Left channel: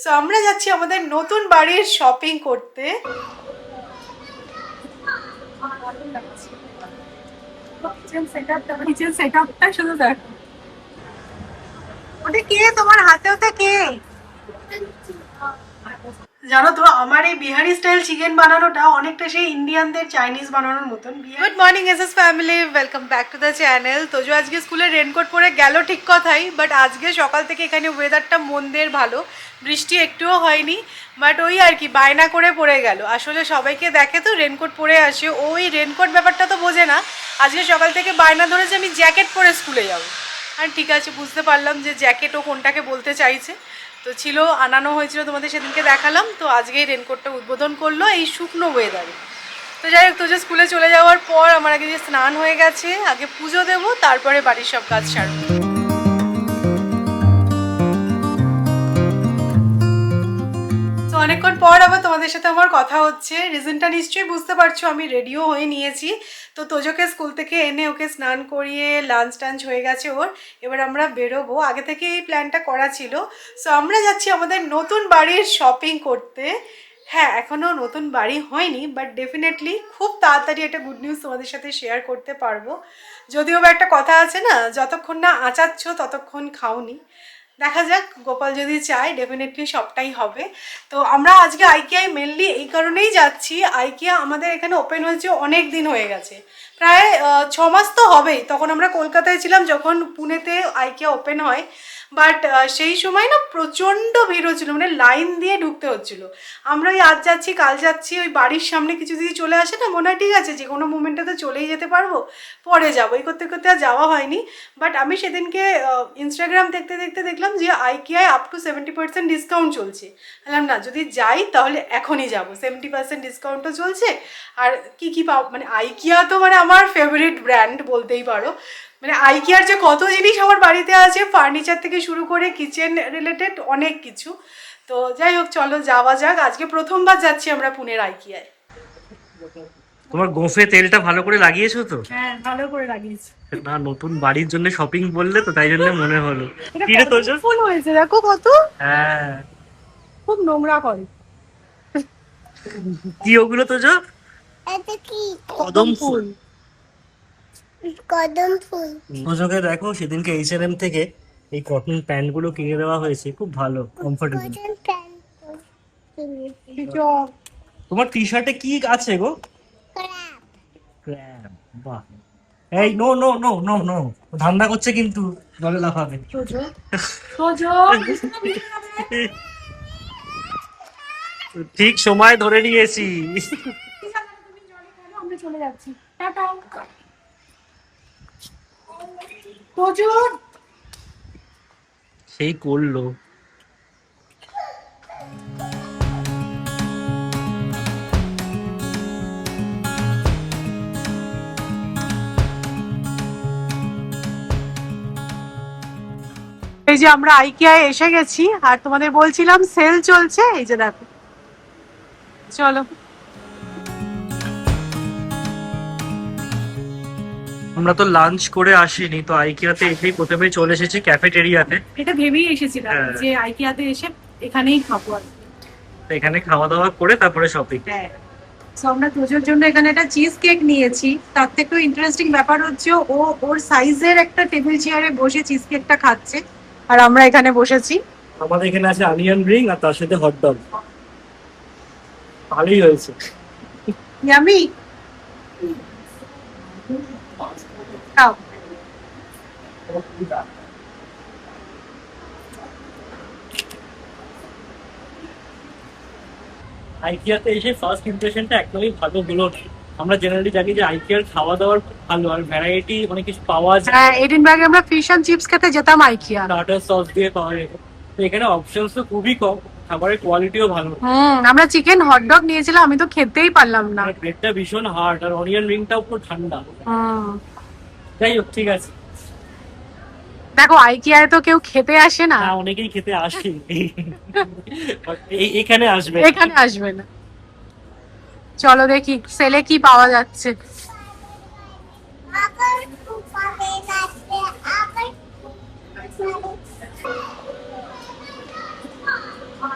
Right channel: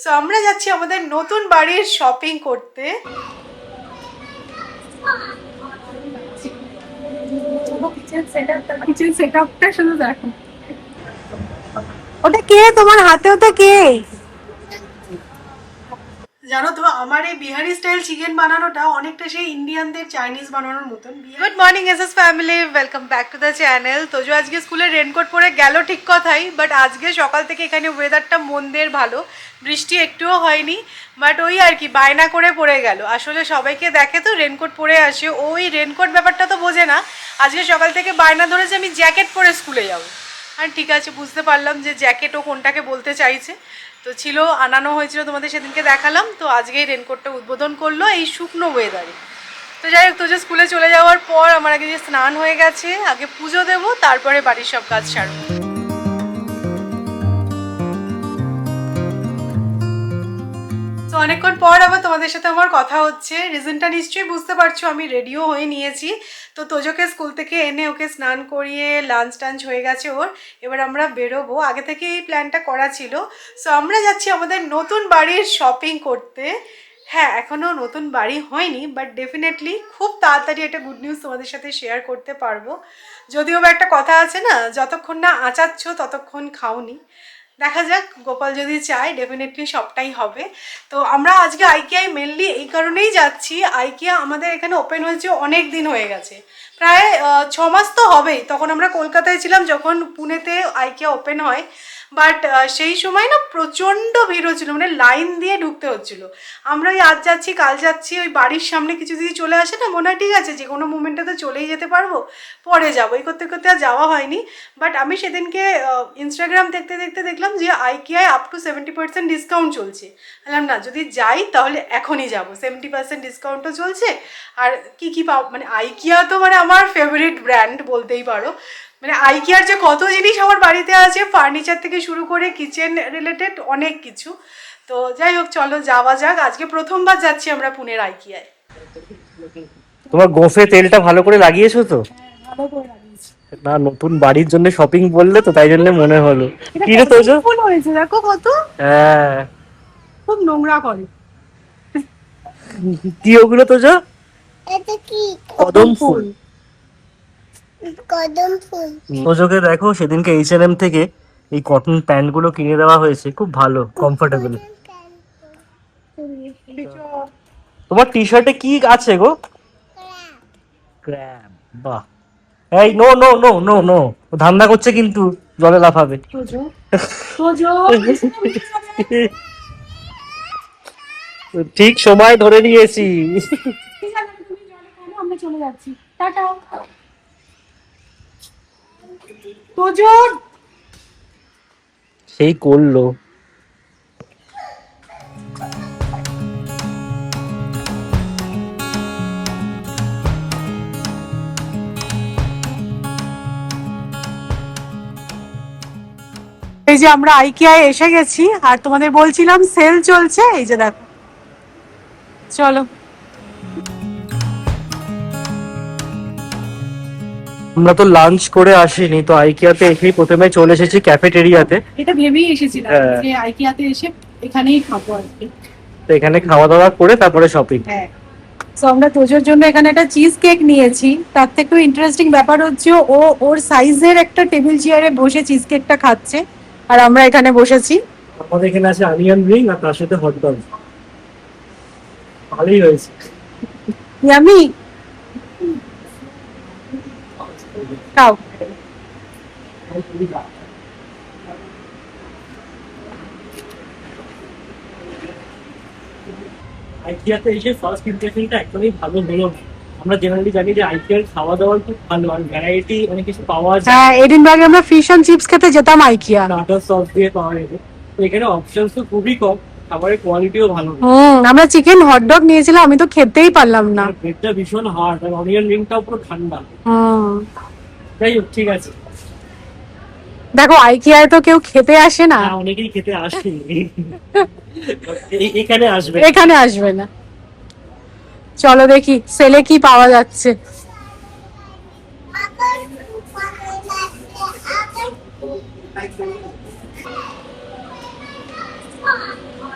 So আমরা যাচ্ছি আমাদের নতুন বাড়ির শপিং করতে। শুধু দেখো, ওটা কে তোমার হাতে? ওটা কে? জানো তো আমার এই বিহারি স্টাইল চিকেন বানানোটা অনেকটা সেই ইন্ডিয়ানদের চাইনিজ বানানোর মতন। Good morning SS family, welcome back to the channel. তো যে আজকে স্কুলে রেনকোট পরে গেল ঠিক কথাই, বাট আজকে সকাল থেকে এখানে ওয়েদারটা মন্দের ভালো, বৃষ্টি একটুও হয়নি, বাট ওই আর কি বায়না করে পড়ে গেল। আসলে সবাইকে দেখে তো রেনকোট পরে আসে, ওই রেনকোট ব্যাপারটা তো বোঝে না। আজকে সকাল থেকে বায়না ধরেছে আমি জ্যাকেট পরে স্কুলে যাব। আর ঠিক আছে, বুঝতে পারলাম যে জ্যাকেটও কোনটাকে বলতে চাইছে। তো ছিল, আনানো হয়েছিল, তোমাদের সেদিনকে দেখালাম। তো আজকেই রেনকোটটা উদ্বোধন করলো এই শুকনো ওয়েদারে। তো যাই হোক, তো যে স্কুলে চলে যাওয়ার পর আমার আগে যে স্নান হয়ে গেছে, আগে পুজো দেবো, তারপরে বাড়ির সব কাজ সারবো। তো অনেকক্ষণ পর আবার তোমাদের সাথে আমার কথা হচ্ছে। রিজনটা নিশ্চয়ই বুঝতে পারছো, আমি রেডিও হয়ে নিয়েছি। তো তোজোকে স্কুল থেকে এনে ওকে স্নান করিয়ে লাঞ্চ টাঞ্চ হয়ে গেছে ওর। এবার আমরা বেরোবো, আগে থেকে এই প্ল্যানটা করা ছিল। সো আমরা যাচ্ছি আমাদের নতুন বাড়ির শপিং করতে। হ্যাঁ, এখনও নতুন বাড়ি হয়নি, বাট ডেফিনেটলি খুব তাড়াতাড়ি একটা গুড নিউজ তোমাদের সাথে শেয়ার করতে পারবো। যদিও বা একটা কথা আছে না, যতক্ষণ না আঁচাচ্ছ ততক্ষণ খাওনি। দেখা যাক, গোপাল যদি চায় ডেফিনেটলি সবটাই হবে। তো আমরা আজকে আইকিয়ায় মেনলি এই কারণেই যাচ্ছি, আইকিয়া আমাদের এখানে ওপেন হয়েছে অনেক দিন হয়ে গেছে, প্রায় 6 মাস তো হবেই। তখন আমরা কলকাতায় ছিলাম যখন পুনেতে আইকিয়া ওপেন হয়, বাট সেই সময় না প্রচণ্ড ভিড় হচ্ছিল, মানে লাইন দিয়ে ঢুকতে হচ্ছিল। আমরা ওই আজ যাচ্ছি কাল যাচ্ছি, ওই বাড়ির সামনে কিছু যদি চলে আসে না, মনে হয় ঠিক আছে যে কোনো মুমেন্টে তো চলেই যেতে পারবো, পরে যাবো, এই করতে করতে আর যাওয়া হয়নি। বাট আমি সেদিনকে ইনস্টাগ্রাম দেখতে দেখতে দেখলাম যে আইকিয়ায় আপ টু 70% ডিসকাউন্ট চলছে। বললাম না, যদি যাই তাহলে এখনই যাবো, 70% ডিসকাউন্টও চলছে। আর কি কি পাও, মানে আইকিয়া তো মানে আমার ফেভারিট ব্র্যান্ড বলতেই পারো। মানে আইকিয়ার যে কত জিনিস আমার বাড়িতে আছে, ফার্নিচার থেকে শুরু করে কিচেন রিলেটেড অনেক কিছু। তো যাই হোক, চলো যাওয়া যাক। আজকে প্রথমবার যাচ্ছি আমরা পুনের আইকিয়ায়। তোমার গোফে তেলটা ভালো করে লাগিয়েছো তো? হ্যাঁ, ভালো করে লাগিয়েছি। না, নতুন বাড়ির জন্য শপিং বললে তো তাই জন্য মনে হলো। এটা কি রে কত তোজো? ফুল হয়েছে দেখো কত, হ্যাঁ, খুব নোংরা করে। কি ওগুলো তোজো? এটা কি? কদম ফুল। কদম ফুল। তোজোকে দেখো, সেদিনকে H&M থেকে এই কটন প্যান্ট গুলো কিনে দেওয়া হয়েছে, খুব ভালো, কমফোর্টেবল। তোমার টি শার্টে কি আছে গো? ক্র্যাব। বাহ। এই no no no no no, ধান্দা করছে কিন্তু, জলে লাফাবে। তোজো, তোজো, ঠিক সময় ধরে নিয়েছি। আমরা চলে যাচ্ছি, টাটা। তোজো, সেই করলো। এই যে আমরা আইকিয়ায় এসে গেছি, আর তোমাদের বলছিলাম সেল চলছে, এই যে দেখো। চলো। আমরা তো লাঞ্চ করে আসিনি, তো আইকিয়াতে এসেই প্রথমে চলে এসেছি ক্যাফেটেরিয়াতে। এটা ভেবেই এসেছিলাম হ্যাঁ। যে আইকিয়াতে এসে এখানেই খাবো আর কি। তো এখানে খাওয়া দাওয়া করে তারপরে শপিং। হ্যাঁ। তো আমরা তোজোর জন্য এখানে একটা চিজ কেক নিয়েছি। তার থেকেও ইন্টারেস্টিং ব্যাপার হচ্ছে ও ওর সাইজের একটা টেবিল চেয়ারে বসে চিজ কেকটা খাচ্ছে, আর আমরা এখানে বসেছি। আমাদের এখানে আছে অনিয়ন রিং আর তার সাথে হট ডগ। ভালোই হয়েছে। ইয়ামি, খাও। আইকিয়াতে এসে ফার্স্ট ইমপ্রেশনটা একদমই ভালো হলো না। আমরা জেনারেলি জানি যে আইকিয়ার খাওয়া দাওয়ার খুব ভালো, আর ভ্যারাইটি অনেক কিছু পাওয়া যায়। হ্যাঁ, এডিনবার্গে আমরা ফিশ এন্ড চিপস খেতে যেতাম আইকিয়া। স্টার্টার সস দিয়ে পাওয়া যেত। তো এখানে অপশনস তো খুবই কম, খাবারের কোয়ালিটিও ভালো। আমরা চিকেন হটডগ নিয়েছিলাম, আমি তো খেতেই পারলাম না। আর ব্রেডটা ভীষণ হার্ড, আর অনিয়ন রিংটাও পুরো ঠান্ডা। যাই হোক, ঠিক আছে। দেখো আইকিয়ায় তো কেউ খেতে আসে না, হ্যাঁ, অনেকেই খেতে আসে। এখানে আসবে। এখানে আসবে না। চলো দেখি সেলে কি পাওয়া যাচ্ছে। আবার উপরে লাগবে,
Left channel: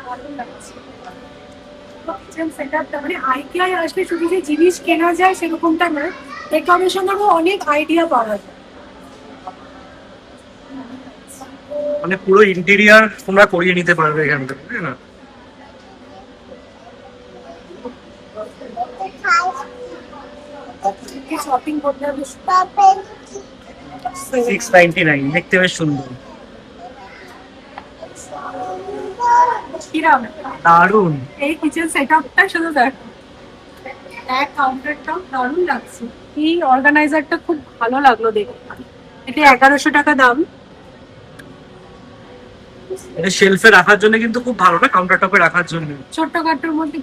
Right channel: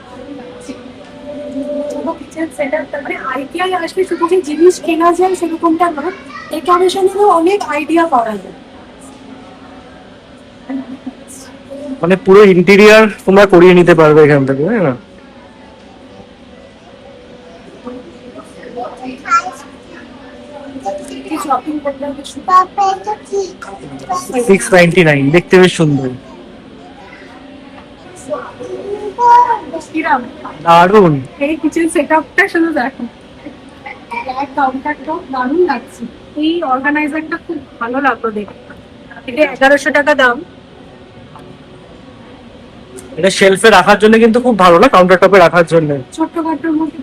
আবার দারুণ লাগছে। পুরো কিচেন সেটআপটা মানে আইকিয়ায় আসলে শুধু যে জিনিস কেনা যায় সেরকমটা না, ডেকোরেশনেরও অনেক আইডিয়া পাওয়া যায়। মানে পুরো ইন্টেরিয়ার তোমরা করিয়ে নিতে পারবে এখান থেকে, তাই না? কি শপিং করতে হবে শুধু। পাপা এটা কি 699, দেখতে বেশ সুন্দর, কিরাম দারুন। এই কিচেন সেটআপটা শুধু দেখো, ব্ল্যাক কাউন্টারটাও দারুণ লাগছে। এই অর্গানাইজারটা খুব ভালো লাগলো দেখে। এটা 1100 টাকা দাম। এটা শেলফে রাখার জন্য কিন্তু খুব ভালো, না কাউন্টার টপে রাখার জন্য। ছোট্ট খাট্টোর মধ্যে।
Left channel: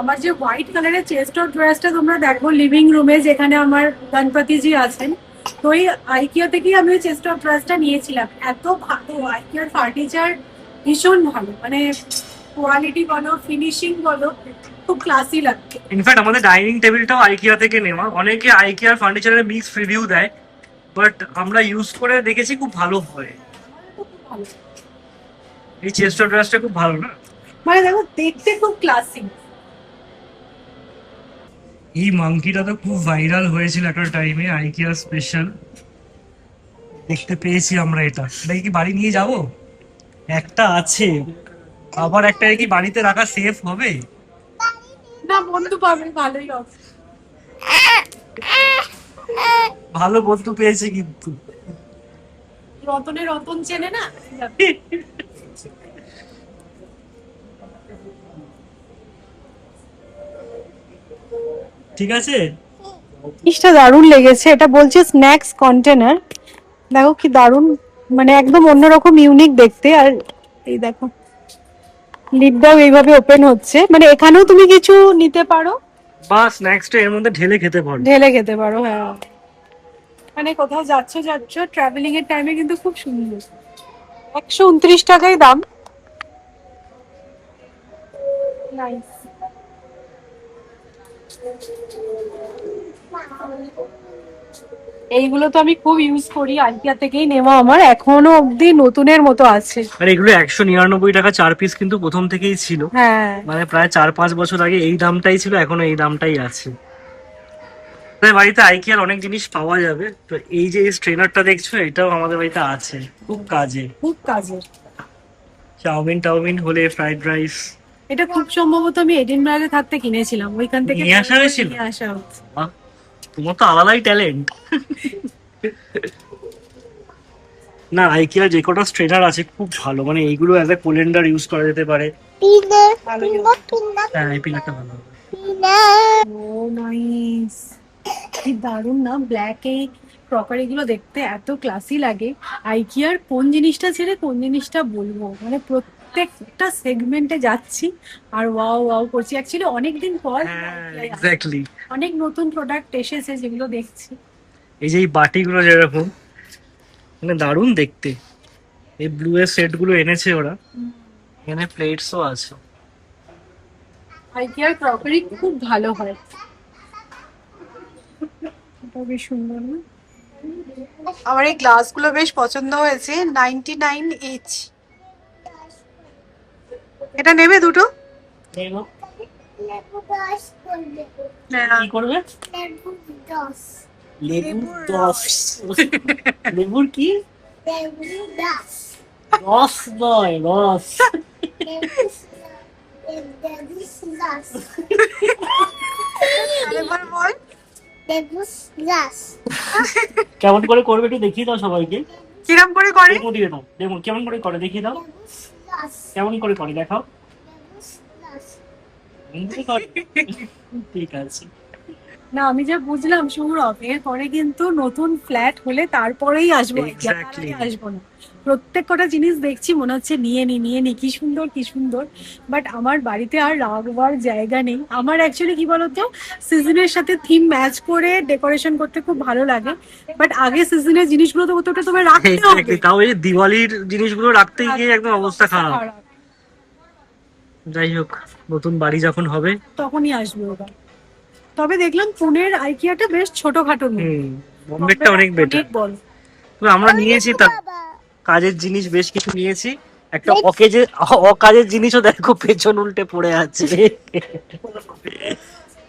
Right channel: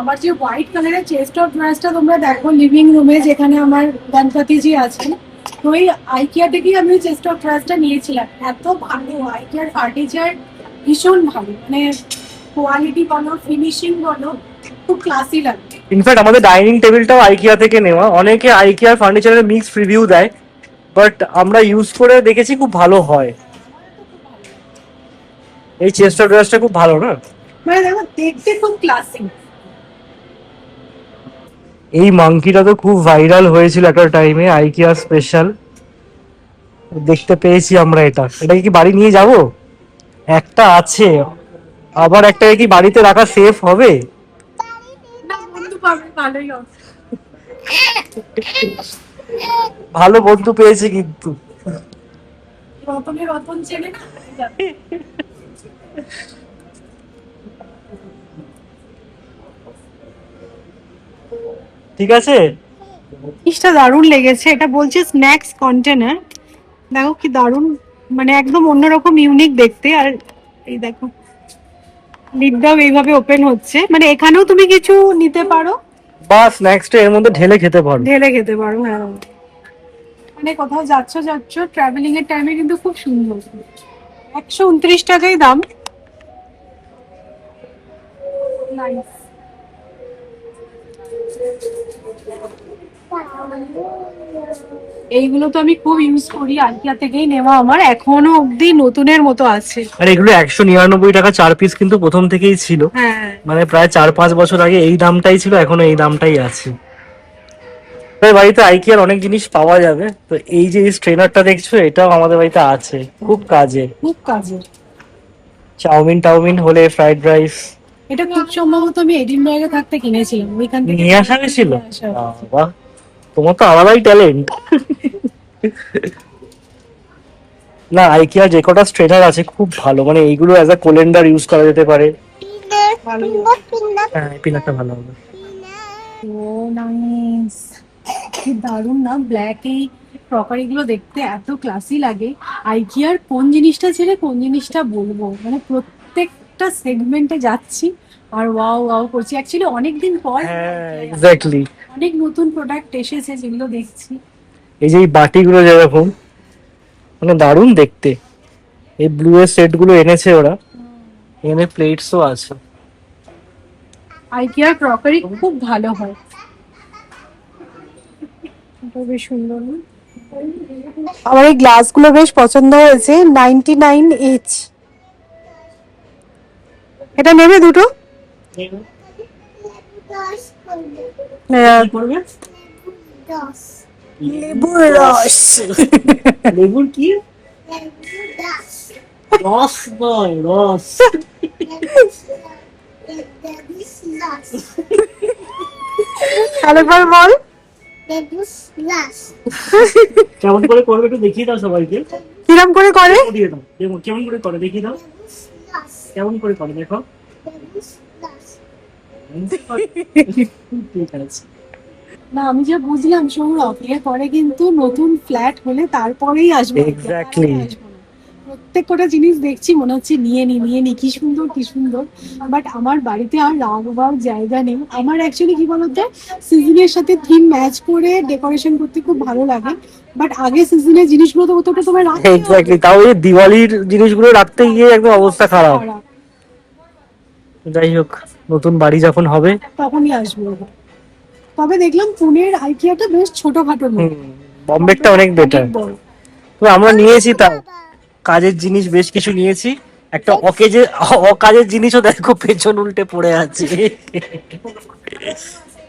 আমার যে হোয়াইট কালারের চেস্ট অফ ড্রেসটা তোমরা দেখো লিভিং রুমে, যেখানে আমার গণপতিজি আছেন, তো এই আইকিয়া থেকেই আমি ওই চেস্ট অফ ড্রেসটা নিয়েছিলাম। এত ভালো আইকিয়ার ফার্নিচার, ভীষণ ভালো, মানে কোয়ালিটি বলো, ফিনিশিং বলো, খুব ক্লাসি লাগছে। ইনফ্যাক্ট আমাদের ডাইনিং টেবিলটাও আইকিয়া থেকে নেওয়া। অনেকে আইকিয়ার ফার্নিচারের মিক্স রিভিউ দেয়, বাট আমরা ইউজ করে দেখেছি খুব ভালো হয়। এই চেস্ট অফ ড্রেসটা খুব ভালো, না? মানে দেখো দেখতে খুব ক্লাসি। এই মাংকিটা তো খুব ভাইরাল হয়েছিল একটা টাইমে, আইকিয়া স্পেশাল। দেখতে পেয়েছি আমরা এটা। এটা কি বাড়ি নিয়ে যাব? একটা আছে, আবার একটা কি বাড়িতে রাখা সেফ হবে? না বন্ধু পাবে, ভালোই হবে। ভালো বন্ধু পেয়েছি কিন্তু। রতনের রতন চেনে না। ঠিক আছে। জিনিসটা দারুণ লেগেছে। এটা বলছে স্ন্যাক্স কন্টেনার। দেখো কি দারুণ, মানে একদম অন্যরকম ইউনিক দেখতে। আর এই দেখো লিডটাও এইভাবে ওপেন হচ্ছে, মানে এখানেও তুমি কিছু নিতে পারো, বা স্ন্যাক্সটা এর মধ্যে ঢেলে খেতে পারো। ঢেলে খেতে পারো। হ্যাঁ, মানে কোথাও যাচ্ছ ট্রাভেলিং এর টাইমে কিন্তু খুব সুন্দর। 129 টাকায় দাম। নাইস। এইগুলো তো আমি খুব ইউজ করি, আইকিয়া থেকেই নেওয়া, আমার এখনো অবধি নতুনের মতো আছে। আর এগুলো 199 টাকা 4 পিস কিন্তু প্রথম থেকেই ছিল। হ্যাঁ, মানে প্রায় 4-5 বছর আগে এই দামটাই ছিল, এখনো এই দামটাই আছে। তাই বাড়িতে আইকিয়ার অনেক জিনিস পাওয়া যাবে। তো এই যে স্ট্রেনারটা দেখছো, এটাও আমাদের বাড়িতে আছে, খুব কাজে। খুব কাজের। চাউমিন টাউমিন হলে, ফ্রাইড রাইস। এটা খুব সম্ভবত আমি এডিনবার্গে থাকতে কিনেছিলাম, ওইখান থেকে নিয়ে আসা হয়েছিল? নিয়ে আসা হয়েছে। বাহ, তোমার তো আলাদাই ট্যালেন্ট। না, আইকিয়ার যে কটা স্ট্রেনার আছে খুব ভালো, মানে এইগুলো অ্যাজ আ কোলেন্ডার ইউজ করা যেতে পারে। পিনে ভালোই পিনে হ্যাঁ, এই পিনারটা ভালো হবে। পিনে ও নাইস, কি দারুণ না। ব্ল্যাক এই ক্রকারি গুলো দেখতে এত ক্লাসি লাগে। আইকিয়ার কোন জিনিসটা ছেড়ে কোন জিনিসটা বলবো, মানে প্রত্যেকটা সেগমেন্টে যাচ্ছি আর ওয়াও ওয়াও করছি। অ্যাকচুয়ালি অনেকদিন পর হ্যাঁ, এক্স্যাক্টলি। অনেক নতুন প্রোডাক্ট এসেছে যেগুলো দেখছি। এই যে এই বাটিগুলো যেরকম, মানে দারুণ দেখতে। এই ব্লু এর সেট গুলো এনেছে ওরা, এখানে প্লেটসও আছে। আইকিয়ার ক্রকারি খুব ভালো হয়। এটা বেশ সুন্দর না? আমার এই গ্লাসগুলো বেশ পছন্দ হয়েছে, 99 ইচ। এটা নেবে দুটো? লেবু রস করবে কি করবে? লেবু রস লেবুর রস। লেবুর কি? লেবু রস রস নয়, রস। লেবু রস আরেকবার বল। লেবু রস কেমন করে করবে একটু দেখিয়ে দাও সবাইকে। কিরম করে করে? ডেমো দিয়ে দাও, ডেমো কেমন করে করে দেখিয়ে দাও। লেবু রস কেমন করে করে দেখাও। লেবু রস ঠিক আছে। না আমি যে বুঝলাম সৌরভ, এরপরে কিন্তু নতুন ফ্ল্যাট হলে তারপরেই আসবো, Exactly. তার আগে আসবো না। প্রত্যেক কটা জিনিস দেখছি মনে হচ্ছে নিয়ে নি কি সুন্দর কি সুন্দর, বাট আমার বাড়িতে আর রাখবার জায়গা নেই। আমার অ্যাকচুয়ালি কি বলতো, সিজনের সাথে থিম ম্যাচ করে ডেকোরেশন করতে খুব ভালো লাগে, বাট আগে সিজনের জিনিসগুলো তো ওটা তোমায় রাখতে হবে। এক্স্যাক্টলি, তাও এই দিওয়ালির জিনিসগুলো রাখতে গিয়ে একদম অবস্থা খারাপ। যাই হোক, নতুন বাড়ি যখন হবে তখনই আসবে ওটা। তবে দেখলাম পুনের আইকিয়াটা বেশ ছোটখাটো নয়, বম্বেরটা অনেক বেটার। বড়। তো আমরা নিয়েছি, তাও কাজের জিনিস বেশ কিছু নিয়েছি। একটা অকাজের জিনিসও দেখো পেছন উল্টে পড়ে আছে।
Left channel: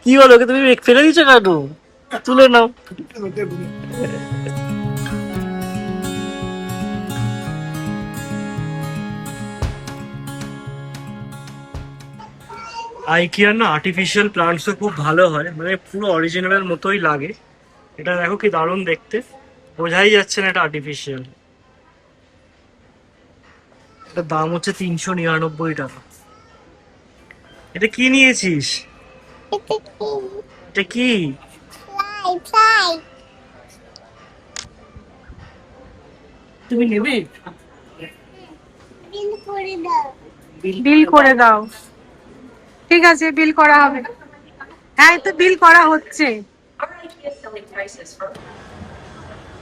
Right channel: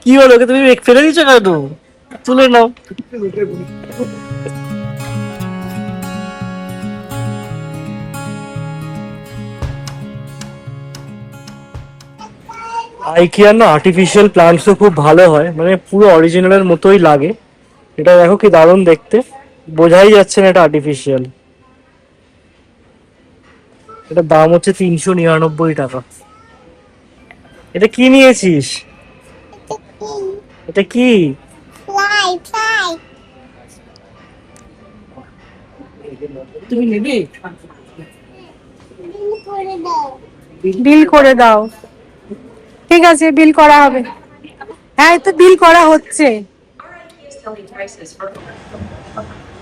কি হলো, ওকে তুমি ফেলে দিচ্ছ কেন? তুলে নাও। আইকিয়ার না আর্টিফিশিয়াল প্লান্টসও খুব ভালো হয়, মানে পুরো অরিজিনালের মতোই লাগে। এটা দেখো কি দারুণ দেখতে, বোঝাই যাচ্ছে না এটা আর্টিফিশিয়াল। এটার দাম হচ্ছে 399 টাকা। এটা কি নিয়েছিস? It's a king. এটা কি? Fly, fly. তুমি নেবে? Bill করে দাও। বিল করে দাও। ঠিক আছে, বিল করা হবে। হ্যাঁ, এই তো বিল করা হচ্ছে।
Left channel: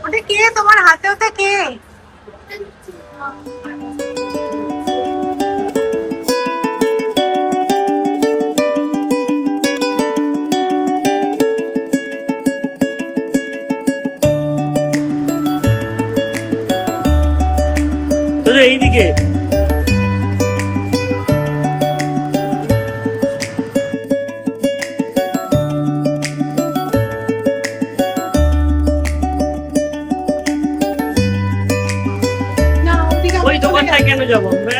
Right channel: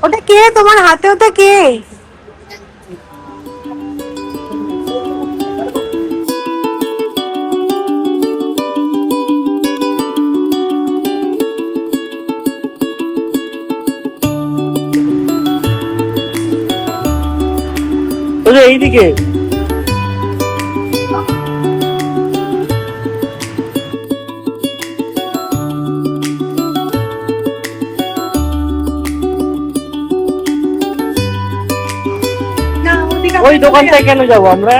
ওটা কে তোমার হাতে? ওটা কে? ওটা এইদিকে। ওই দোকানটায় কেন যাবো আমরা?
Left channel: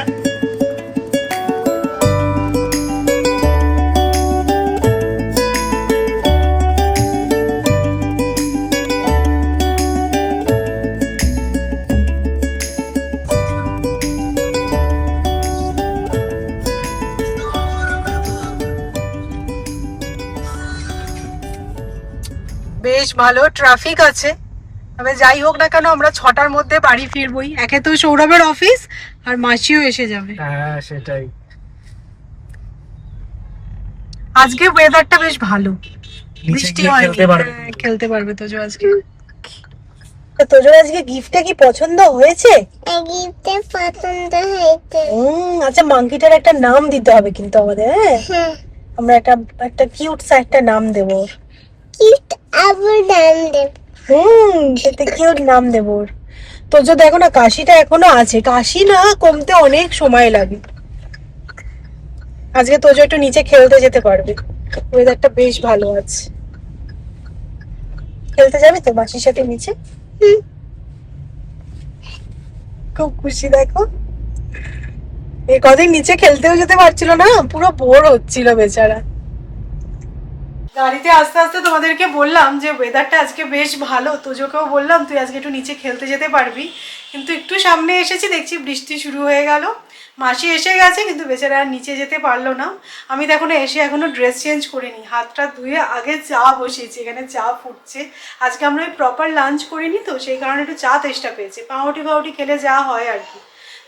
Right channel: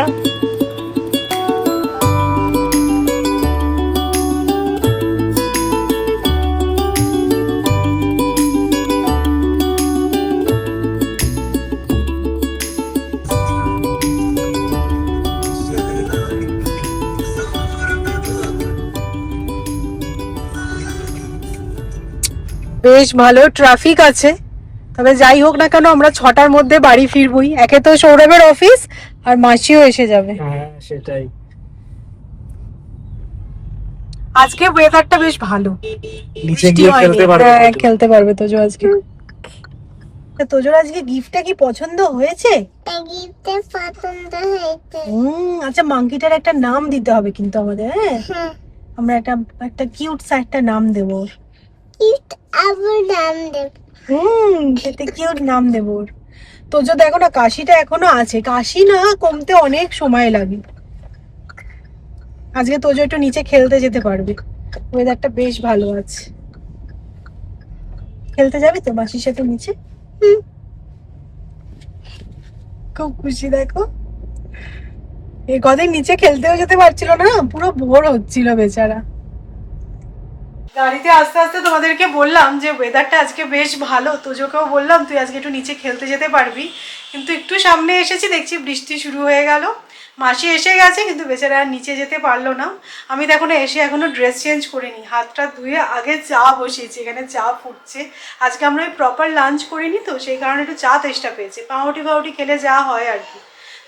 বেশ ভালো ট্রাফিক আছে, তবে যাই হোক না কেন আমরা 6টার মধ্যে বাড়ি ফিরবই। একে তো সৌরভের অফিস, আর মাসিও এসে যাবে। হ্যাঁ সেটাই। আজকে ওয়েদারটা বেশ ভালো, নিচে বৃষ্টি গিয়ে হয়নি। খেলতে পারবে। হ্যাঁ, খেলতে পারবে তোজো আজকে। তোজোর আজকে গিফটটা কি পছন্দ হয়েছে? গিফটে পছন্দ হয়েছে। আচ্ছা, মাংকিটার একটা নাম দিতে হবে কিন্তু আমাদের। হ্যাঁ, আমরা একটা কিউট সা একটা নাম দেবো ওর। কিউট আবার নাম দেব। খেতে কিউট নাম দেবো ওর। তোজো দেখো না, কাশিটা এখনো আছে, কাশি না কমতে অনেক সময় লাগে। আজকে তোজো একটু নিচে খেলতে যেতে পারবে, ওয়েদারটা বেশ ভালো আছে। খেলতে যাবি তো মাসির সাথে নিচে? খুব খুশি দেখো, এই কদিন নিচে খেলতেও যেতে পারছিল না, পুরো বোর হচ্ছিল বেচারা। গাড়িতে আস্তে আস্তে তোমাদেরকে বললাম যে ওয়েদারটা আজকে বেশ ভালো, তোজোকেও বললাম তুই আজকে একটু নিচে খেলতে যেতে পারবি, কিন্তু একটু সামনে এসেছি দেখছি বৃষ্টি শুরু হয়ে গেল। মাসি এসে গেছে কিন্তু বেচারা আর নিচে যেতে পারলো না। আমি তো এখনো ড্রেস চেঞ্জ করিনি, হাতটা ধুয়ে আগে চা বসিয়েছি, এখানে চা ফুটছে। আজকে আমরা ওই প্রপার লাঞ্চ করিনি তো, সেই কারণে একটু চা তেষ্টা পেয়েছে, পাউরুটি খেলে যা হয় আর কি।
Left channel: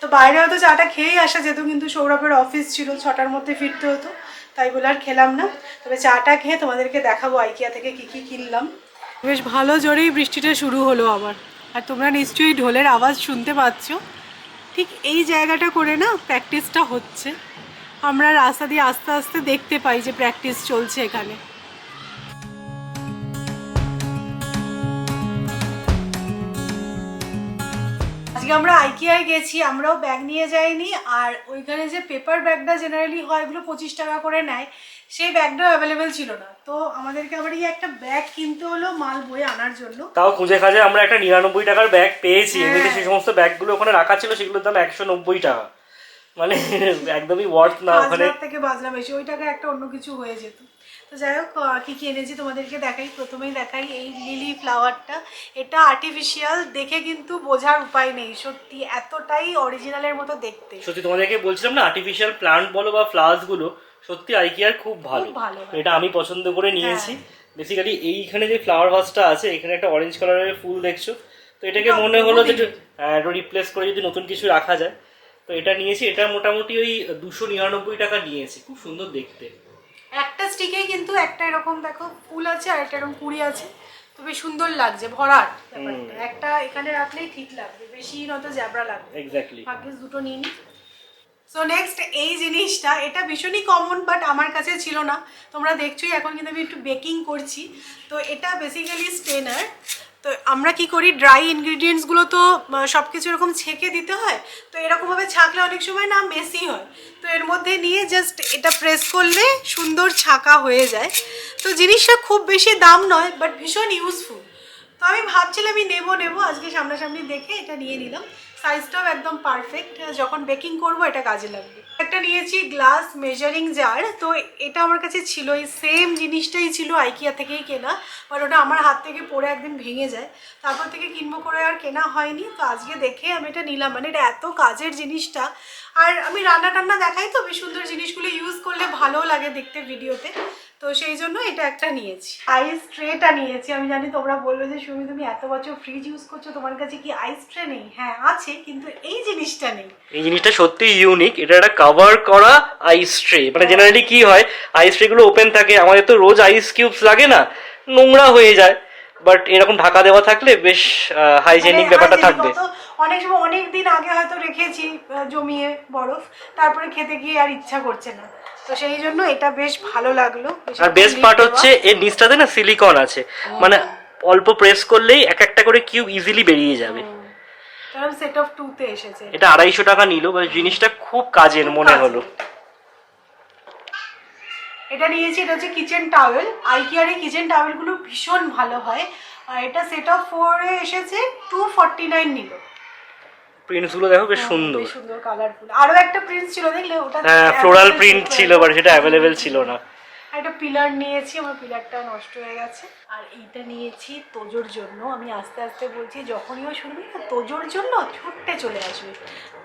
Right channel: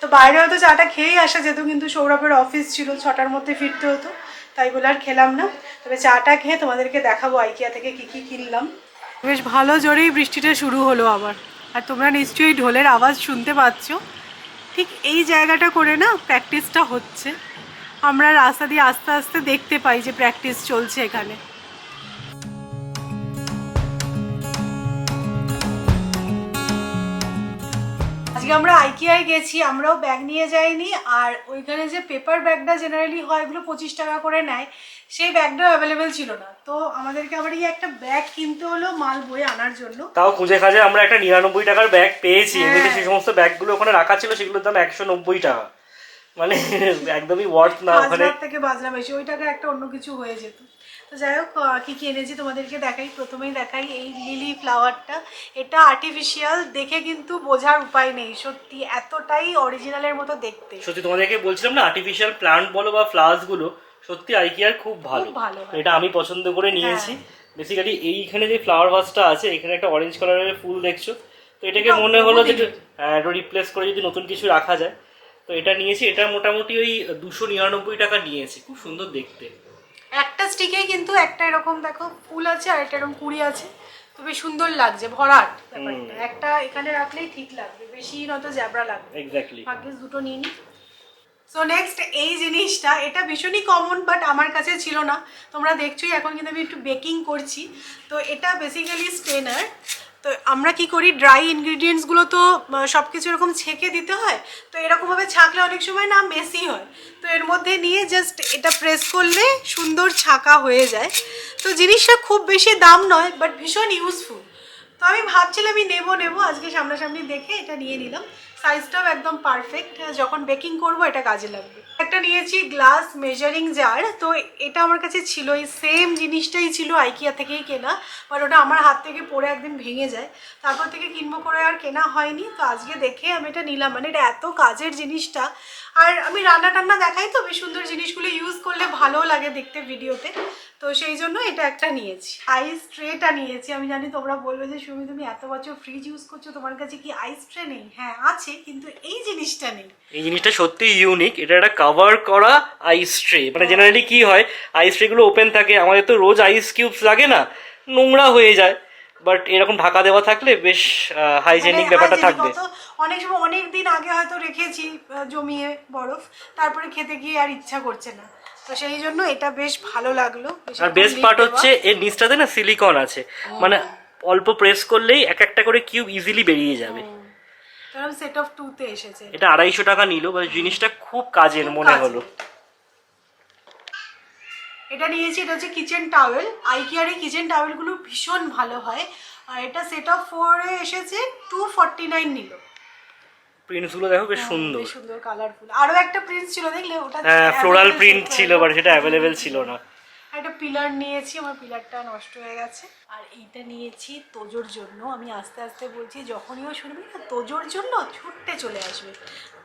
তো বাইরে হয়তো চাটা খেয়েই আসা যেত, কিন্তু সৌরভের অফিস ছিল, 6টার মধ্যে ফিরতে হতো, তাই বলে আর খেলাম না। তবে চাটা খেয়ে তোমাদেরকে দেখাবো আইকিয়া থেকে কি কি কিনলাম। বেশ ভালো জোরেই বৃষ্টিটা শুরু হলো আবার, আর তোমরা নিশ্চয়ই ঢোলের আওয়াজ শুনতে পাচ্ছ। ঠিক এই জায়গাটা করে না প্র্যাকটিসটা হচ্ছে, আমরা রাস্তা দিয়ে আস্তে আস্তে দেখতে পাই যে প্র্যাকটিস চলছে এখানে। আজকে আমরা আইকিয়ায় গেছি, আমরাও ব্যাগ নিয়ে যাইনি, আর ওইখানে যে পেপার ব্যাগটা জেনারেলি হয় এগুলো 25 টাকা করে নেয়, সেই ব্যাগটাও অ্যাভেলেবেল ছিল না, তো আমাদেরকে আবার এই একটা ব্যাগ কিনতে হলো মাল বয়ে আনার জন্য। তাও খুঁজে খাজে আমরা একটা 99 টাকার ব্যাগ পেয়েছি। এমনিতে সেই সমস্ত ব্যাগগুলো ওখানে রাখা ছিল, সেগুলোর দাম 190 টাকা, মানে একদমই ওয়ার্থ না। ওখানে থেকে বাজনা বেশি, ওই টাকা একটা অন্য কিছু হয়ে যেত। তো যাই হোক, কি কি এনেছি তোমাদেরকে দেখাই। প্রথমেই দেখাই এই লিলি ফ্লাওয়ারটা, এটা আর্টিফিশিয়াল, দেখে কিন্তু বোঝার উপায় নেই, সত্যি এতটাই অরিজিনালের মতো দেখতে। সত্যি তোমাদেরকে বলছিলাম না, আর্টিফিশিয়াল প্লান্ট বলো বা ফ্লাওয়ার্স গুলো সত্যি আইকিয়ার খুব ভালো। এটা আমি পছন্দ করে নিয়েছি। বেসিক্যালি এইখানে যে ফ্লাওয়ার ভাসটা আছে, এখানে একটা অরেঞ্জ কালারের ফুল দেখছো, তো এটাকে মনে হলো যে রিপ্লেস করে যদি নতুন কিছু রাখা যায়, তো এটা নিয়েছি। এটা মোটামুটি ওই 299 টাকা নিয়েছি, খুব সুন্দর দেখতে। একটা স্টিকেই কিন্তু একটা এরকম দেখো ফুল আছে, আর একটা এরকম কুড়ি আছে, তো বেশ সুন্দর লাগছে, ভরাট ব্যাপারটা। একটা এখানে রাখলেই ঠিক লাগবে, বেশি নয়তো জ্যাবরা লাগবে। এক্স্যাক্টলি, ভাগ্যিস দুটো নিয়ে নি। সো নেক্সট এই জিনিসটা, এটা ভীষণই কমন, বাট আমার কাছে ছিল না। তোমরা দেখছোই এখন কিন্তু আমি একটু বেকিং করছি, তো এটা বেসিক্যালি স্টেনার। তো আমরা কি করি, ড্রাই ইনগ্রিডিয়েন্টসগুলো তো সব কিছু এরকম ছেঁকে দিতে হয়, তো এরকমভাবে ছাঁকলে অনেক সময় না মেসি হয়। তো এর মধ্যে নিয়ে জাস্ট এটা প্রেস করলে সুন্দর ছাঁকা হয়ে যায়। তো জিনিসটা খুব বেশি দাম নয়, বাট ভীষণ ইউজফুল। তো আমি ভাবছিলাম আমি নেবো আজকে সামনাসামনি দেখে এটা নিয়ে নিলাম। সাইজটাও একদম পারফেক্ট, যখন বেকিং করব এটা কাজে লাগবে। একটা নিয়েছি গ্লাস মেজারিং জার। তো এটা আমার কাছে ছিল, এই সেম জিনিসটাই ছিল আইকিয়া থেকেই কেনা, বাট ওটা আমার হাত থেকে পড়ে একদিন ভেঙে যায়, তারপর থেকে কিনবো করে আর কেনা হয়নি। তো আজকে দেখে আমি এটা নিলাম, মানে এটা এত কাজের জিনিসটা। আর আমি রান্না টান্না দেখাই তো, বেশ সুন্দর জিনিসগুলো ইউজ করলে ভালো লাগে দেখতে ভিডিওতে, তো সেই জন্য এটা একটা নিয়েছি। আইস ট্রেটা নিয়েছি। আমি জানি তোমরা বলবে যে সুমি তুমি এত বছর ফ্রিজ ইউজ করছো, তোমার কাছে কি আইস ট্রে নেই? হ্যাঁ আছে, কিন্তু এই জিনিসটা নেই। এই জিনিসটা সত্যি ইউনিক। এটা একটা কভার করা আইস ট্রে। মানে জেনারেলি কি হয়, আইস ট্রে গুলো ওপেন থাকে, আমাদের তো রোজ আইস কিউবস লাগে না, নোংরা হয়ে যায়। বাট এরকম ঢাকা দেওয়া থাকলে বেশ হাইজেনিক ব্যাপারটা থাকবে। অনেক সময় অনেক দিন আগে হয়তো রেখেছি জমিয়ে বরফ, তারপরে খেতে গিয়ে আর ইচ্ছা করছে না, তো সেই জন্য এটা বেশ ভালো লাগলো। আর বেস্ট পার্ট হচ্ছে এর নিচটাতে না সিলিকন আছে, মানে অল্প প্রেস করলেই এক একটা করে কিউব ইজিলি বেরিয়ে যাবে। সেট অফ 2 তে এসেছে। এটা 250 টাকা নিল, জিনিসটা খুব কাজের মনে হলো। এটা নিয়েছি, এটা হচ্ছে কিচেন টাওয়েল। আইকিয়ার এই কিচেন টাওয়েলগুলো ভীষণ ভালো হয়। আর এটা সেট অফ 4 এ এসেছে, 249 নিল। প্রিন্টস গুলো দেখো বেশ সুন্দর, বেশ সুন্দর কালারফুল। আরো একটা প্রিন্ট ছিল দেখলে, ওটা ফ্লোরাল প্রিন্ট ছিল, বাট সেটা অ্যাভেলেবেল ছিল না। একটা পিলার নিয়েছি, আমার পিলারটা নষ্ট হয়ে গেছে। আর এইটা নিয়েছি তোজোর জন্য। আমি আস্তে আস্তে বলছি, যখনই ও শুনবি না তোজোর জন্য ছুটতে চলে আসবে।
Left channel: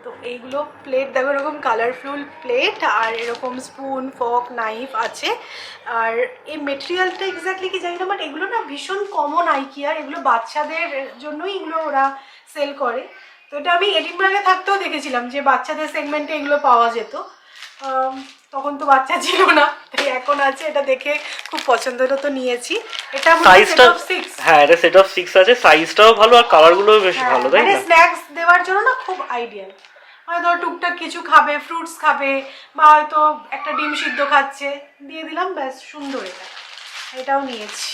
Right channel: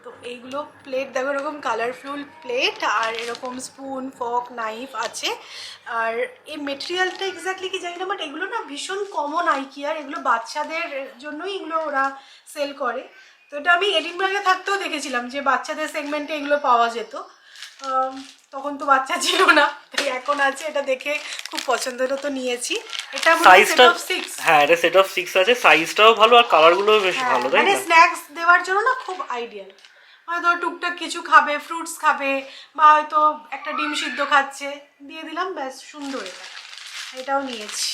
তো এইগুলো প্লেট দেখো, এরকম কালারফুল প্লেট, আর এরকম স্পুন ফর্ক নাইফ আছে। আর এই মেটেরিয়ালটা এক্স্যাক্টলি কি জানি না, বাট এগুলো না ভীষণ কমন আইকিয়ার। এগুলো বাচ্চাদের জন্যই এগুলো ওরা সেল করে। তো এটা আমি এডিনবার্গে থাকতেও দেখেছিলাম যে বাচ্চাদের সেগমেন্টে এগুলো পাওয়া যেত। তখন তো বাচ্চা ছিল না, তাই এখন আছে। এটা দেখে খুব পছন্দ হলো, তো নিয়েছি। এটা মনে হয় সেট অফ 6। হ্যাঁ, এটা সেট অফ 6 আছে, সাইজটাও ভালো আর কালারগুলোও বেশ ভালো, তাই মানে না? স্ন্যাক্স দেওয়ার জন্য না খুব আইডিয়াল। মানে ধর টুকটাক কিছু খাবে, ফ্রুটস খাবে, বা হয়তো একটা ডিম সিদ্ধ খাচ্ছে, দিয়ে দিলাম, ব্যাস সুন্দর। এটাও নিয়েছি।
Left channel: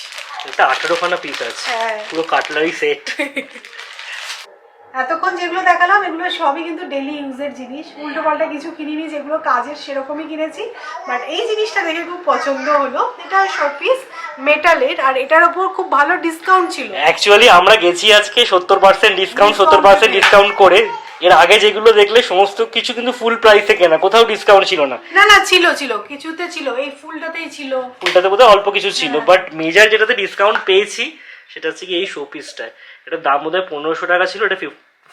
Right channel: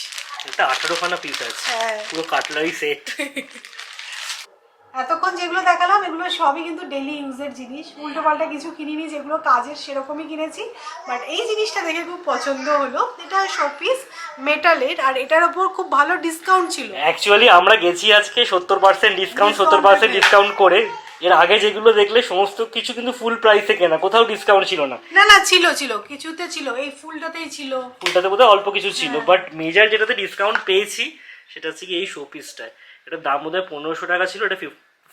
এটা 18খানা পিস আছে, হ্যাঁ, পুরো কাটলারি সেট। এতক্ষণ যেগুলো দেখালাম এগুলো সবই কিন্তু ডেলি ইউজের জিনিস, উল্টো পাল্টা কিছু কিনিনি, যেগুলো কাজের সেরকমই কিনেছি। বাট এই জিনিসটা দেখে খুব পছন্দ হলো। এটা শোপিস মেটালের, আর এটার উপর খুব ভালো ডিসকাউন্ট ছিল। অ্যাকচুয়ালি আমরা গেছি আজকে 70% ডিসকাউন্ট, 70% ডিসকাউন্ট করে। এর আগে যেগুলো দেখলে সমস্ত কিছু কিন্তু ফুল প্রাইসে কেনা, কোথাও ডিসকাউন্ট ছিল না। না ছিল কিছুতে ছিল, এই ফুলটাতেই ছিল। ফুলটাতে বোধহয় অল্প কিছু ছিল, বাট মেজার যেটাতে ডিসকাউন্ট পেয়েছি সেটা হচ্ছে কি এই শোপিসটা। এটার দাম বোধহয় 1500 টাকা ছিল, এটা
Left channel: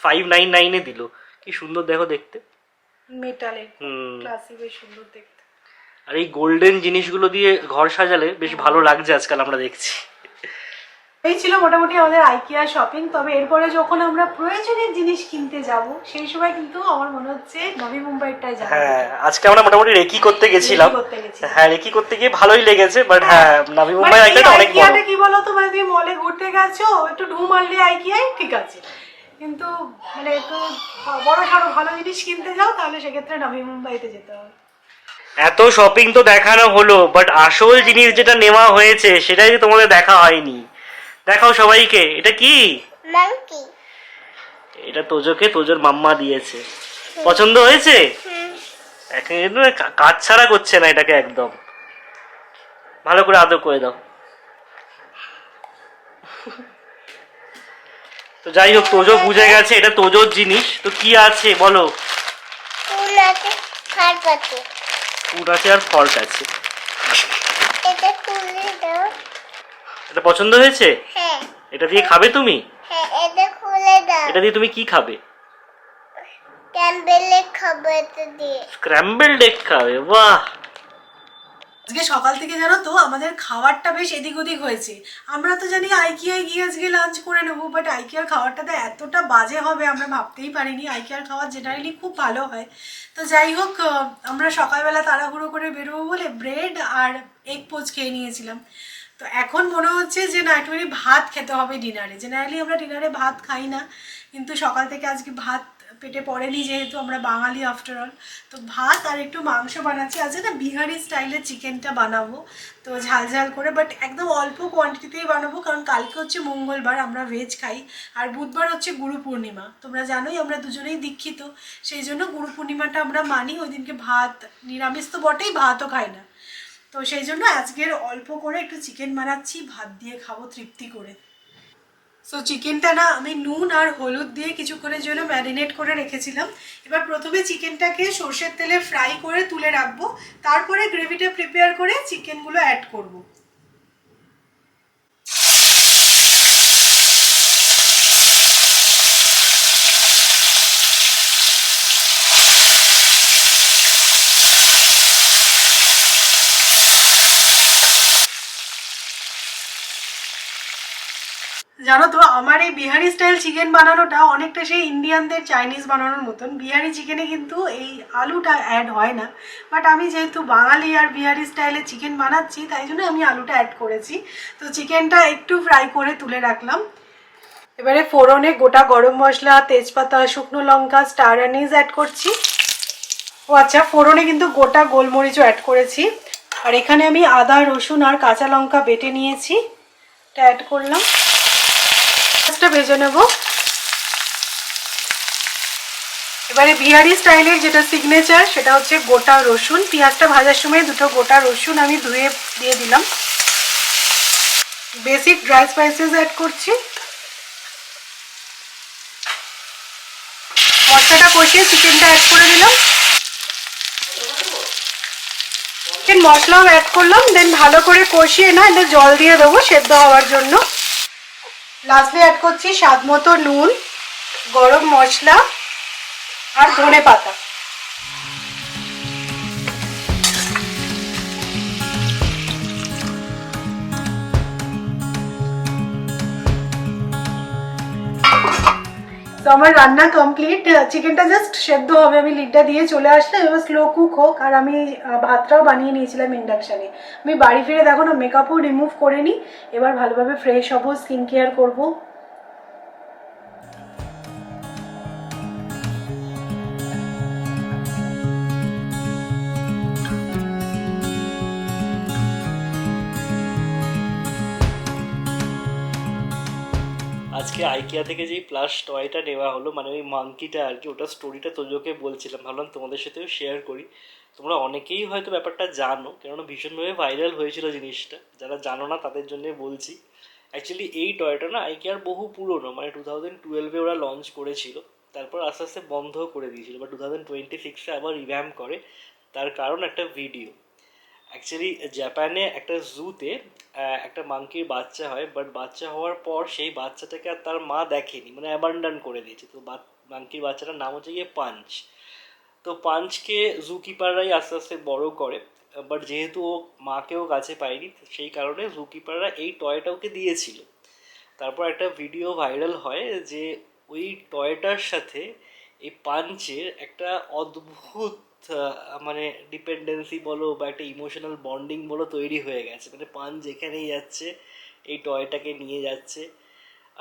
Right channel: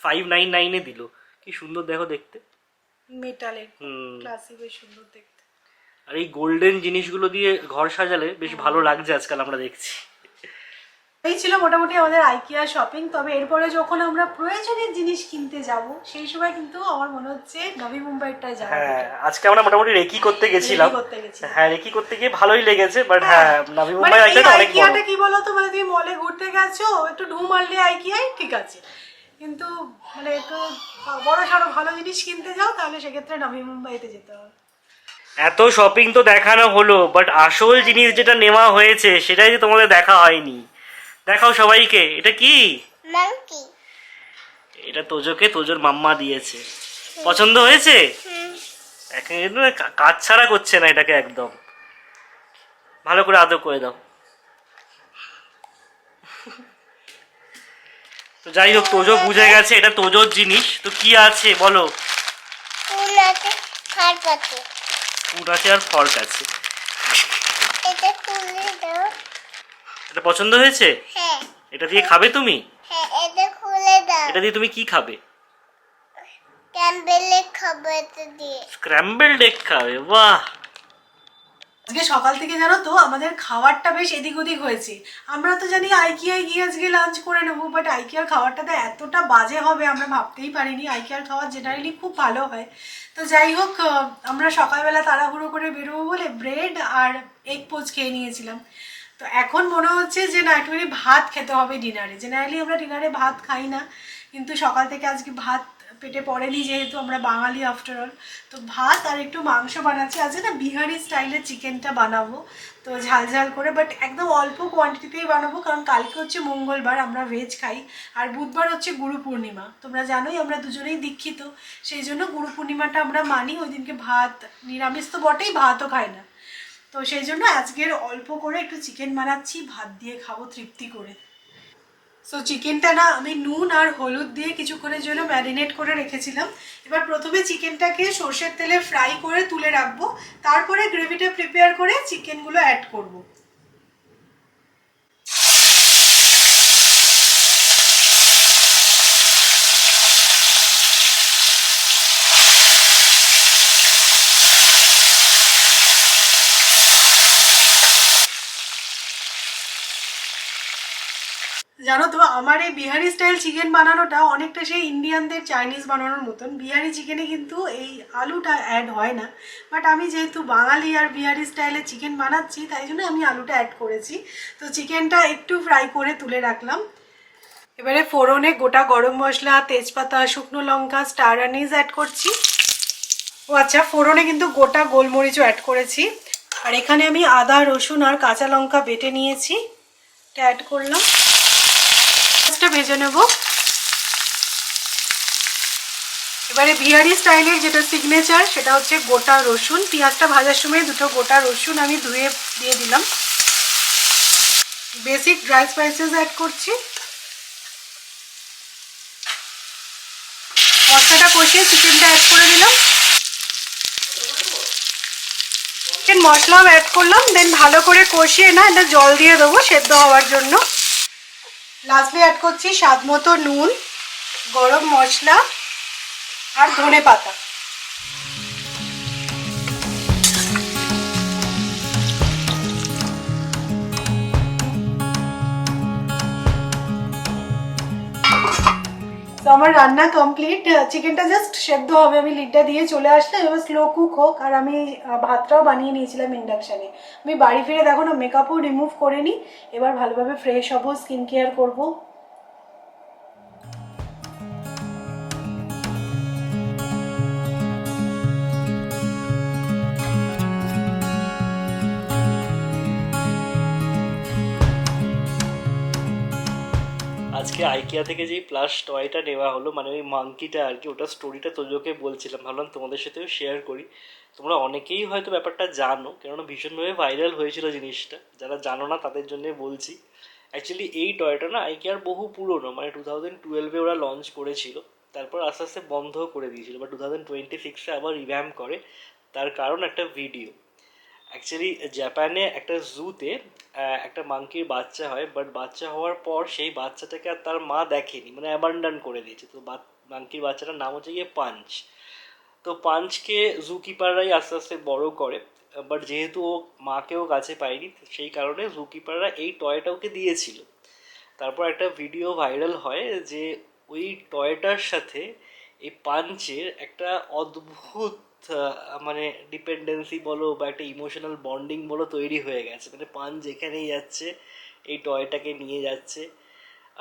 599 এ দিল। কি সুন্দর দেখো দেখতে, মেটালের ক্লাসি, বেশ সুন্দর দেখতে। আর এই গোল্ডেন জিনিসগুলো দিয়ে ঘর সাজালে বেশ ভালো লাগছে আজকাল আমরা দেখছি। এই ছিল মোটামুটি আমাদের আইকিয়া শপিং। তবে এরপরে যখন আমরা প্রয়োজনীয় জিনিস কিনতে যাব, সেই সময় কিন্তু আমার মনে হচ্ছে নবী মুম্বাইটায় যাবো। হ্যাঁ, আজকে আমরা মোটামুটি রেকি করতে গেছিলাম। হ্যাঁ, রেকি করতে গিয়ে ভালোই লেগেছে, বাট হ্যাঁ নবী মুম্বাই মানে আইকিয়াটা অনেক আইকিয়াটা বড়। কি বলতো, মানে তুমি মলে ঘুরতে গেছো, একটু ঢু মারলে আইকিয়ায় ঠিক আছে, কিন্তু মানে একটু বড় সড়ো ভালো জিনিস কিনতে যাও, তাহলে সেক্ষেত্রে নবী মুম্বাইতে যেতে হবে। এত শপিং তো দেখানো হলো, বাট আসল জিনিস যেটা নেওয়া হয়েছে সেটাই তোমাদের দেখা হয়নি। দেখাও সবাইকে, এটা কি? মাংকি। এটা তোজোকে তোজোর মাম্মা দিয়েছে। পছন্দ হয়েছে? এখন কাজ ছাড়া করছে না এটাকে, একদম ভালো করে আদর করে দাও। তো যাই হোক, তোজো বুঝে গেছে এটা তোজোর জিনিস। তো কি আছে বলো? ফুল আছে, খাট আছে। ফুড আছে আর ফর্ক আছে। এটা খুলে দাও। এটা পছন্দ হয়েছে? হ্যাঁ। এটা দিয়ে খাবে তুমি? হ্যাঁ, এটা খুলে দাও। এটা দিয়ে তুমি কি খাবে? ক্যাম্বেলে খাবো এটা দিয়ে। স্ক্র্যাম্বলড এগ খাবে? বাহ! আজকে সকাল থেকে জানো তো আমাদের খাবারটা বেশ এদিক ওদিক হয়েছে। আমরা তো জানি আইকিয়ায় গিয়ে আজকে লাঞ্চ করে নেবো, বাট আইকিয়ার খাবারটাতে এতটা বাজে হবে আমরা ভাবতেই পারিনি। আইকিয়ার খাবার জেনারেলি খুব ভালো হয়। তো যাই হোক, আমরা সকালবেলা তাড়াহুড়ো করে বেরোবো বলে ব্রেড আর এগ পোচ খেয়ে নিয়েছিলাম। তো এখন মনে হচ্ছে যে না, একটুখানি ভাত খেতে হবে ডিনারে। জেনারেলি আমরা ডিনারে ভাত খাই না, কিন্তু সকাল থেকে আজকে ভাত পেটে পড়েনি, যেহেতু আমরা বাঙালি আফটার অল। তো ভাত আর একটু মাংস বানাচ্ছি। আজকে না বিহারি স্টাইলের চিকেনটা বানাবো, তো ঝাল ঝাল করে, বাট একদম অল্প কোয়ান্টিটিতেই বানাবো, কারণ কালকে হচ্ছে মঙ্গলবার, আমরা ভেজ খাই, আর বুধবার হচ্ছে গুরু পূর্ণিমা। তোমরা জানোই আমরা দুজনেই দীক্ষিত, সেই জন্য গুরু পূর্ণিমাটা আমরা মানি। ওই দিনকে ভাত নিরামিষ তো বটেই, ভাতও খাই না। তো সেই জন্য আজকের অল্প করে একটু চিকেন বানাচ্ছি, ভাত দিয়ে খাবো তৃপ্তি করে। সো চিকেনটা না আমি নুন আর হলুদ দিয়ে কিছুক্ষণের জন্য ম্যারিনেট করে রেখেছিলাম। এবার প্রথমে চিকেনটাকে সর্ষের তেলে ফ্রাই করে তুলে রাখবো, তারপরে গ্রেভিটা প্রিপেয়ার করে চিকেনগুলো অ্যাড করব। জানো তো আমার এই বিহারি স্টাইল চিকেন বানানোটা অনেকটা সেই ইন্ডিয়ানদের চাইনিজ বানানোর মতন। বিহারি চিকেনে কিন্তু এই আলুটা অ্যাড হয় না, বাট আমি যেহেতু বাঙালি আর বিহারি স্টাইলে চিকেন বানাচ্ছি, তাই জন্য আমি আলুটা অ্যাড করেছি। তো চিকেনটা একটু ফ্রাই করে তুলে রাখলাম। এবারে ফোড়নে গোটা গরম মশলা, তেজপাতা, শুকনো লঙ্কা, স্টার অ্যানিস অ্যাড করছি। ও আচ্ছা, ফোড়নে কিন্তু গোটা গোলমরিচও অ্যাড করেছি। আর এখানে আমি আদা, রসুন আর কাঁচা লঙ্কা বেটে নিয়েছি, এটা অ্যাড করলাম। ভেজে নেব। এবারে বিহারি স্টাইলের যেটা সিগনেচার, সেটা হচ্ছে গোটা রসুন। পেঁয়াজটা ভাজার সময় দুটো গোটা রসুন আমি ধুয়ে দিয়ে দিলাম। বেসিক ড্রাই স্পাইসেস অ্যাড করছি। মশলাটা কষিয়ে চিকেনটা অ্যাড করে দিলাম। চিকেন মশলাও অ্যাড করলাম, দেন ভালো করে কষিয়ে না এটা জল দিয়ে দেবো সেদ্ধ হওয়ার জন্য। লাস্টলি অ্যাড করছি স্বাদ মতো নুন, গরম মশলা আর ধনে পাতা। তো আমার রান্না কমপ্লিট। চিকেনটা জাস্ট সেদ্ধ হবে, আমি লিডটা দিয়ে চলে আসলাম। এবার স্লো কুক হোক। আর আমি ভাতটাও বানিয়ে নিয়েছিলাম ইন্ডাকশানে। আমি বাড়ি ফিরে দেখো না মেকআপও রিমুভ করে নিই। এবার ভালোভাবে ফ্রেশ হবো, স্কিন কেয়ার করবো। আজকে আইকিয়া থেকে যেই প্লাস টয়টা নেওয়া হলো, মানে ওই মাঙ্কিটা আর কি, ওটা স্টোরিটা তোজোকে বলছিলাম, ভাবলাম তোমাদের সাথেও শেয়ার করি। তোমরা অনেকেই হয়তো ব্যাপারটা জানো, কেননা ভীষণভাবে ভাইরাল হয়েছিল জিনিসটা। যারা জানো না তাদের জন্য বলছি। অ্যাকচুয়ালি এই টয়টা না আইকিয়ার বহু পুরনো, মানে 2012-এ ওরা লঞ্চ করেছিল, তারপর আস্তে আস্তে বন্ধ করে দিয়েছিল, বা 2026-এ আবার রিভ্যাম্প করে। তার কারণ একটা ভিডিও। অ্যাকচুয়ালি জাপানে একটা জুতে একটা মাঙ্কির বাচ্চা হয়, বাট বাচ্চা হওয়ার পর সেই বাচ্চাটাকে আর তার মা দেখেনি, মানে অ্যাবান্ডন করে দিয়েছে। তো মাঙ্কির বাচ্চাটার নাম হচ্ছে গিয়ে পাঞ্চ। তো পাঞ্চকে জু কিপাররাই আস্তে আস্তে বড় করে, বাট যেহেতু ও মাকেও কাছে পায়নি, সেই কারণে জু কিপাররা এই টয়টা ওকে দিয়েছিল। তারপর একটা ভিডিও ভাইরাল হয় যে ওই টয়টার সাথে এই পাঞ্চের একটা অদ্ভুত মানে ডিপেন্ডেন্সি বলো বা একটা ইমোশনাল বন্ডিং বলো তৈরি হয়ে গেছে। মানে পাঞ্চ যেখানেই যাচ্ছে এই টয়টাকে নিয়ে যাচ্ছে।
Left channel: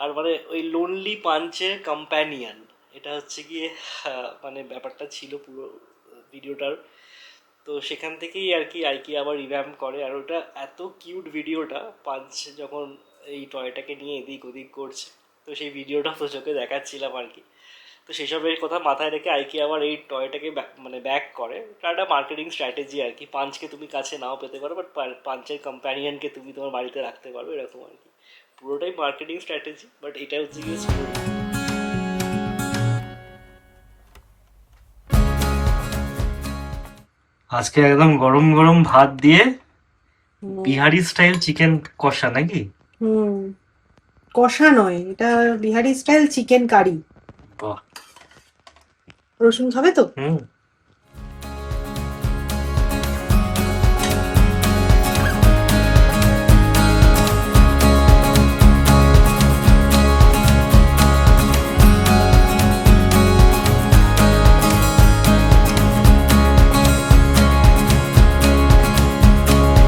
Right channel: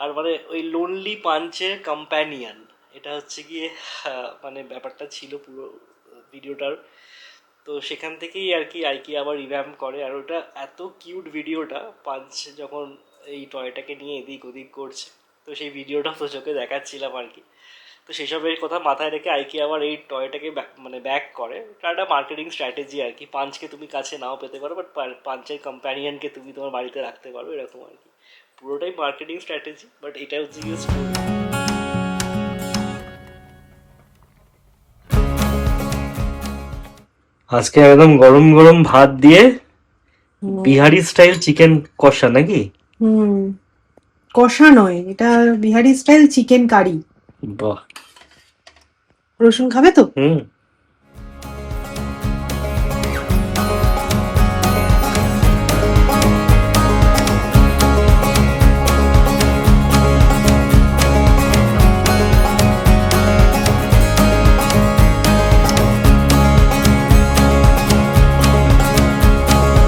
আর মানে ওই লোনলি পাঞ্চের কম্প্যানিয়ন, এটা হচ্ছে গিয়ে মানে ব্যাপারটা ছিল পুরো ভিডিওটার। তো সেখান থেকেই আর কি আইকি আবার রিভ্যাম্প করে। আর ওটা এত কিউট ভিডিওটা, পাঞ্চ যখন এই টয়টাকে নিয়ে এদিক ওদিক করছে, তো সেই ভিডিওটা তো চোখে দেখাচ্ছিলাম আর কি। তো সেসবের কথা মাথায় রেখে আইকি আবার এই টয়টাকে মানে ব্যাক করে। এটা একটা মার্কেটিং স্ট্র্যাটেজি আর কি। পাঞ্চকে তুমি কাছে নাও পেতে পারো, বাট পাঞ্চের কম্প্যানিয়নকে তুমি তোমার বাড়িতে রাখতে পারো, এরকম আর কি। পুরোটাই মার্কেটিং স্ট্র্যাটেজি, বাট এটা হচ্ছে গিয়ে স্টোরি। আজকে একদম গরম গরম ভাত দিয়ে বিহারি স্টাইল চিকেন কষা নাকি? কষা নয়, এটা বিহারি স্টাইল চিকেন কারি। বাহ। রসুন খাবে তো?